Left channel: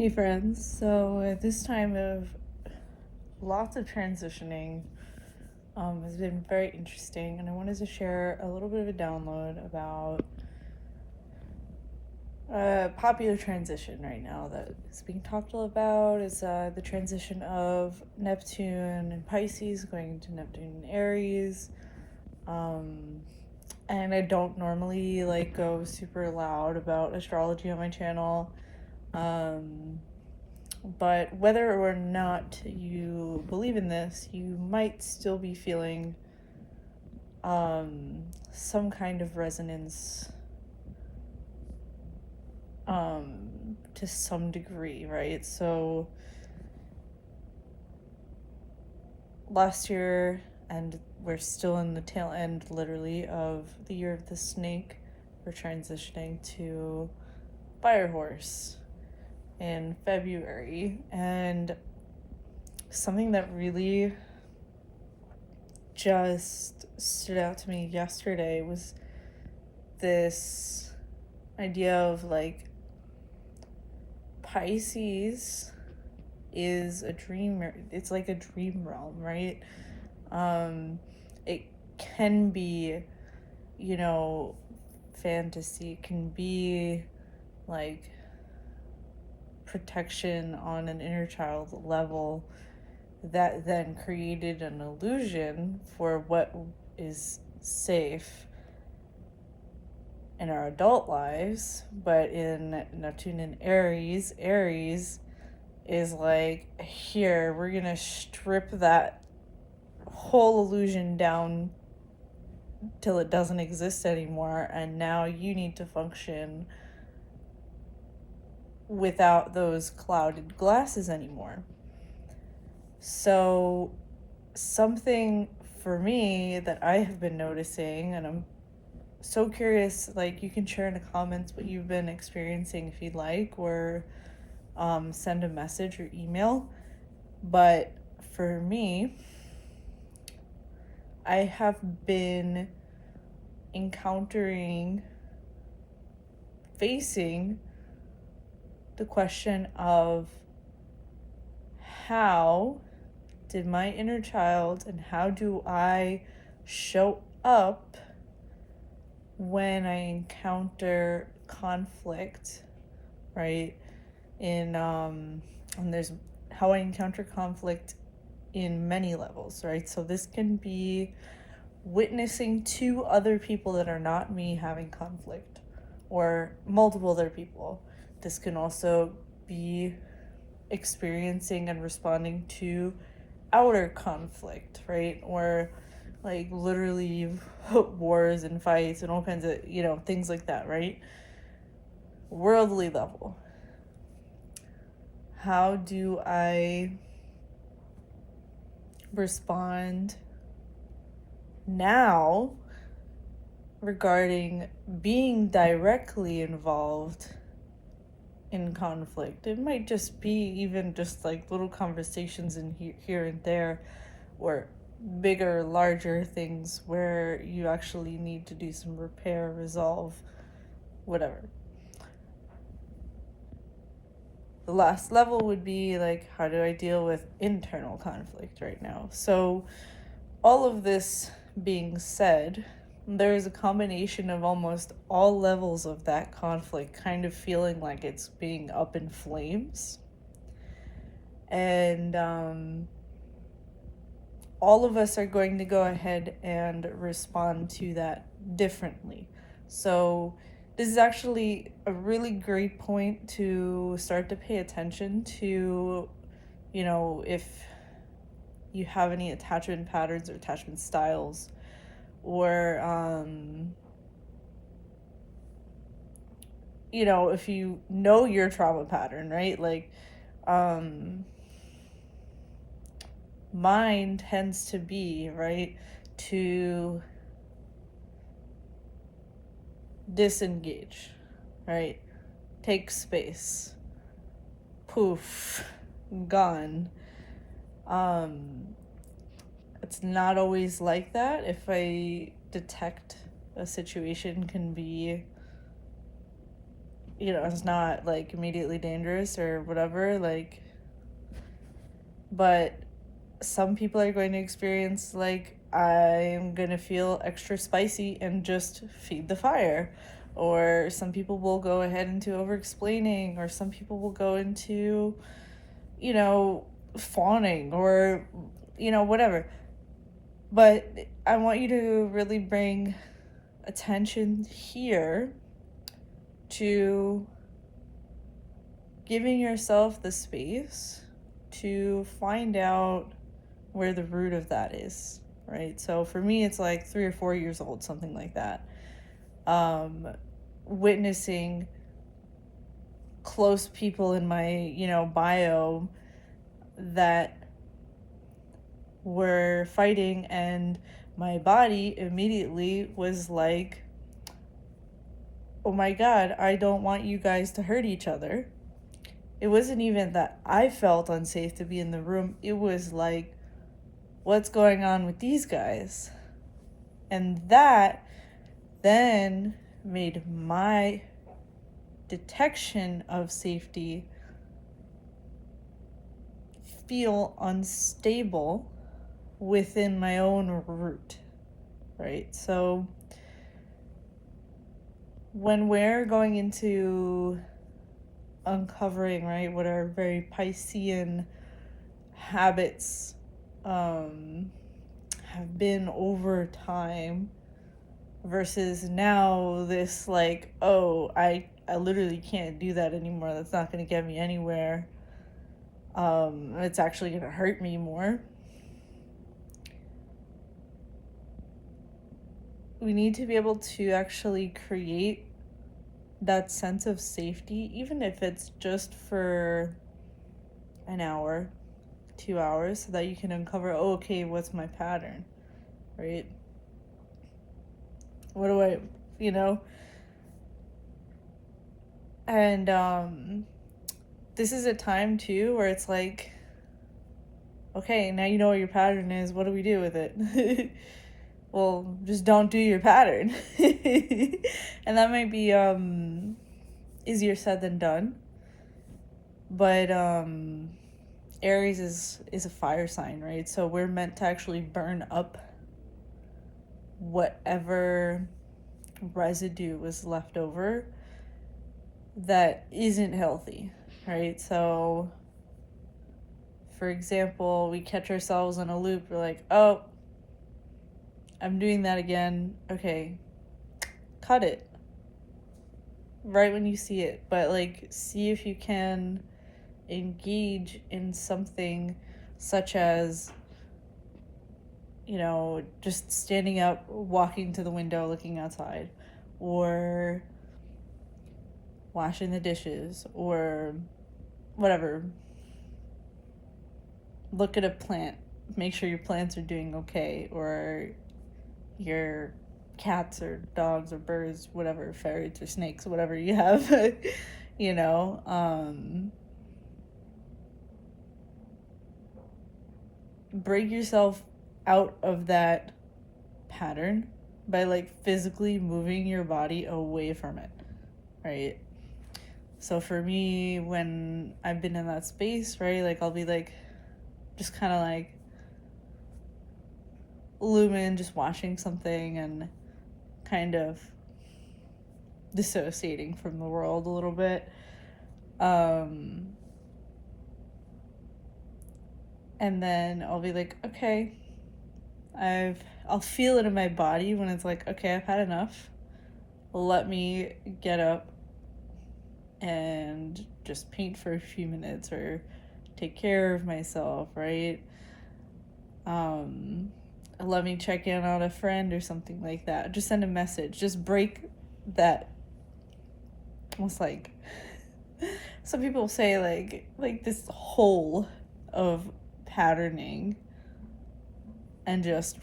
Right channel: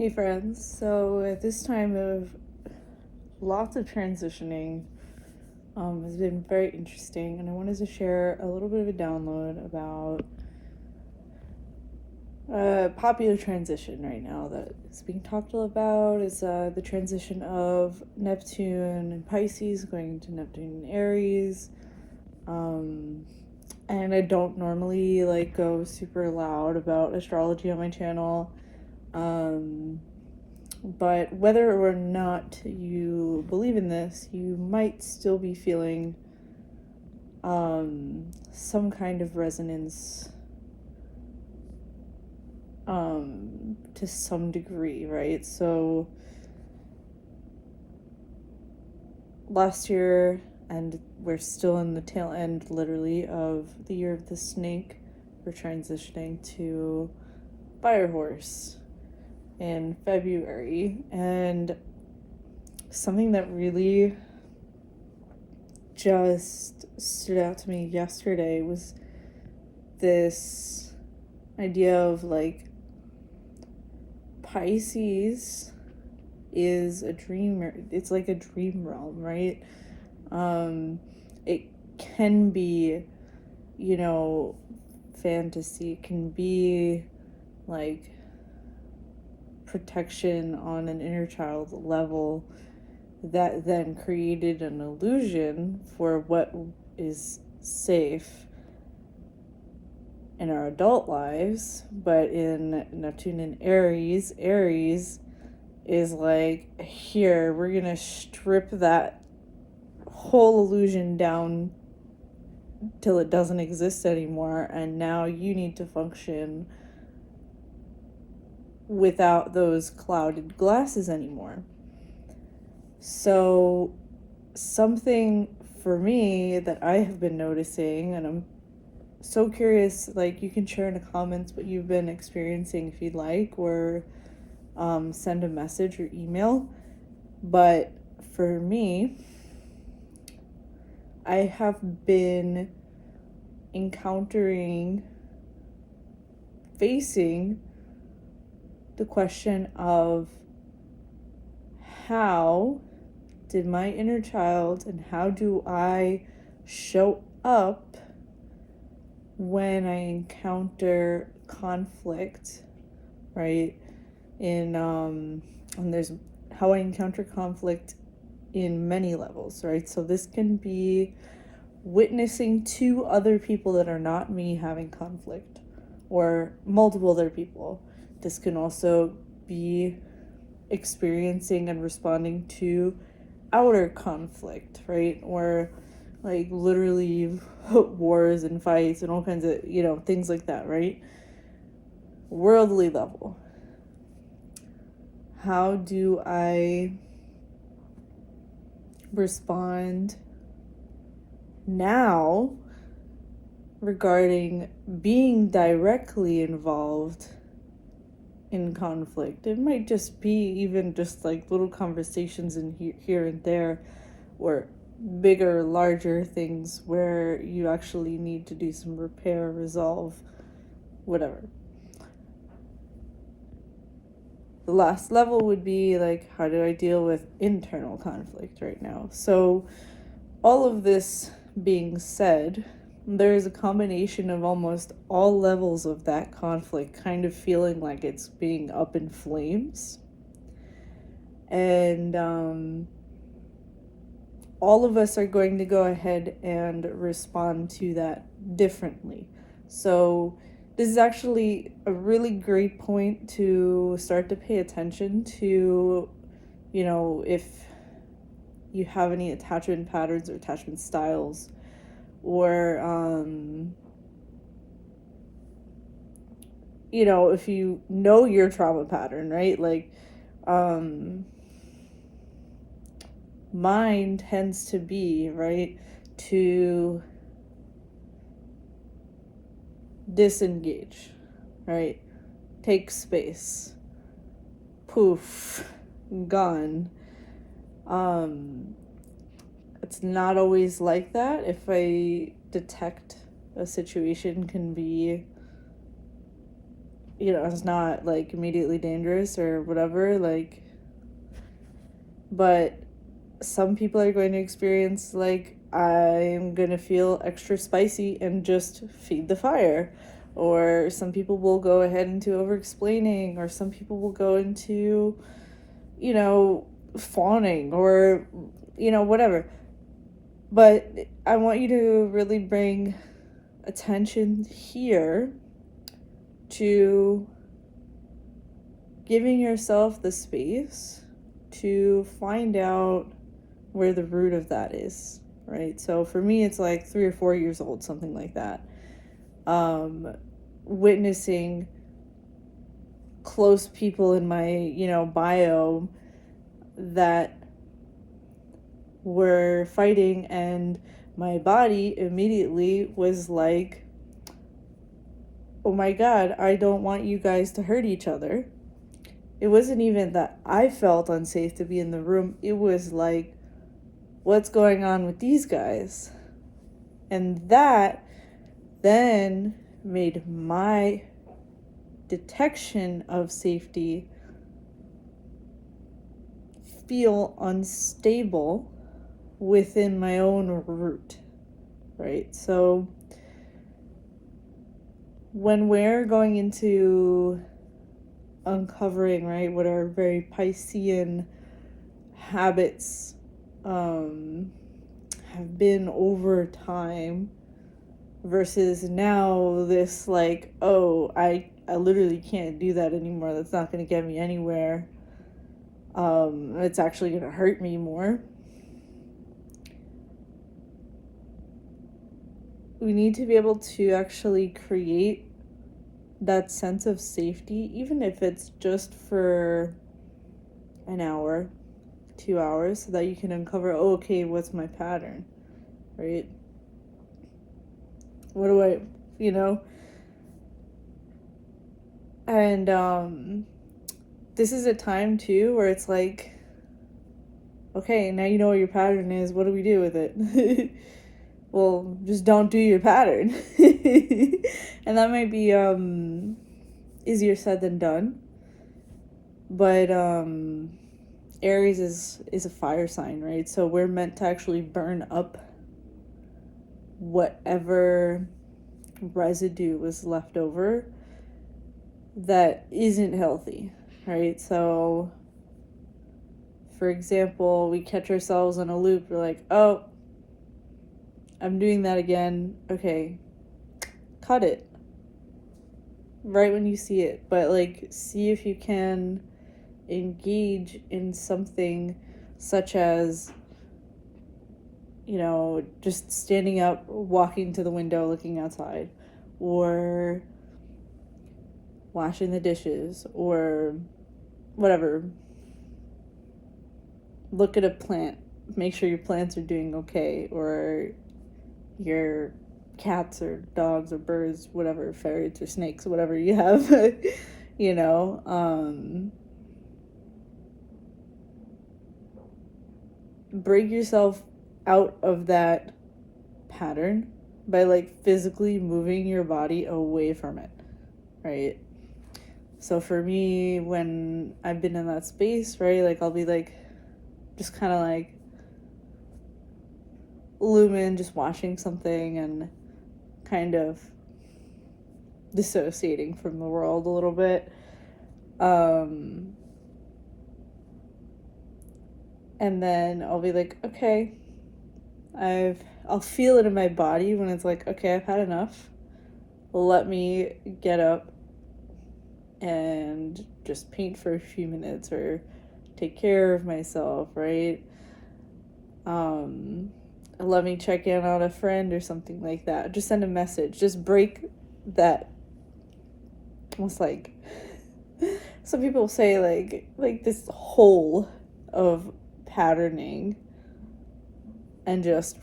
Hey friends, so at this time of lots of transitioning has been very interesting, and I wanted to share a little bit of a download about popular transition right now that is being talked about. Is the transition of Neptune and Pisces going to Neptune and Aries. And I don't normally go super loud about astrology on my channel. But whether or not you believe in this, you might still be feeling some kind of resonance to some degree, right? So last year, and we're still in the tail end literally of the year of the snake, we're transitioning to Fire Horse in February, and something that really just stood out to me yesterday was this idea of Pisces is a dream. It's like a dream realm, right? It can be, fantasy. It can be like protection on an inner child level that then created an illusion for what is safe in our adult lives. But in Neptune and Aries is like, here, we're gonna strip that whole illusion down till it doesn't exist anymore, and now you need to function without those clouded glasses anymore. So something for me that I have been noticing, and I'm so curious, you can share in the comments what you've been experiencing if you'd like, or send a message or email. But for me, I have been facing the question of how did my inner child and how do I show up when I encounter conflict, right? And there's how I encounter conflict in many levels, right? So this can be witnessing two other people that are not me having conflict, or multiple other people. This can also be experiencing and responding to outer conflict, right? Or literally wars and fights and all kinds of, things like that, right? Worldly level. How do I respond now regarding being directly involved in conflict? It might just be even just little conversations in here and there, or bigger, larger things where you actually need to do some repair, resolve, whatever. The last level would be how do I deal with internal conflict right now? So all of this being said, there is a combination of almost all levels of that conflict kind of feeling like it's being up in flames. And all of us are going to go ahead and respond to that differently. So this is actually a really great point to start to pay attention to, if you have any attachment patterns or attachment styles, or if you know your trauma pattern, right? Mine tends to be, right, to disengage, right? Take space. Poof. Gone. It's not always like that. If I detect a situation can be it's not like immediately dangerous or whatever, like, but some people are going to experience like, I'm gonna feel extra spicy and just feed the fire. Or some people will go ahead into over explaining, or some people will go into, fawning, or, whatever. But I want you to really bring attention here to giving yourself the space to find out where the root of that is, right? So for me, it's like 3 or 4 years old, something like that. Witnessing close people in my, biome that were fighting, and my body immediately was like, oh my God, I don't want you guys to hurt each other. It wasn't even that I felt unsafe to be in the room. It was like, what's going on with these guys? And that then made my detection of safety feel unstable within my own root, right? So when we're going into uncovering, right, what are very Piscean habits have been over time, versus now this like, oh, I literally can't do that anymore, that's not going to get me anywhere, it's actually going to hurt me more. We need to be able to actually create that sense of safety, even if it's just for an hour, 2 hours, so that you can uncover, oh, okay, what's my pattern, right? What do I, And this is a time too where it's like, okay, now you know what your pattern is, what do we do with it? Well, just don't do your pattern. And that might be easier said than done. But Aries is a fire sign, right? So we're meant to actually burn up whatever residue was left over that isn't healthy, right? So for example, we catch ourselves in a loop, we're like, oh, I'm doing that again. Okay, cut it right when you see it, but like, see if you can engage in something such as, just standing up, walking to the window, looking outside, or washing the dishes, or whatever. Look at a plant, make sure your plants are doing okay, or your cats or dogs or birds, whatever, ferrets or snakes, whatever you have, break yourself out of that pattern by like physically moving your body away from it, right? So for me, when I've been in that space, right, like I'll be like, just kind of like lumen, just watching something and kind of dissociating from the world a little bit. And then I'll be like, okay, I'll feel it in my body when it's like, okay, I've had enough. Let me get up and just paint for a few minutes, or take care of myself, right? Let me check in on a friend or something like that. Just send a message. Just break that. Almost like, some people say like this hole of patterning, and just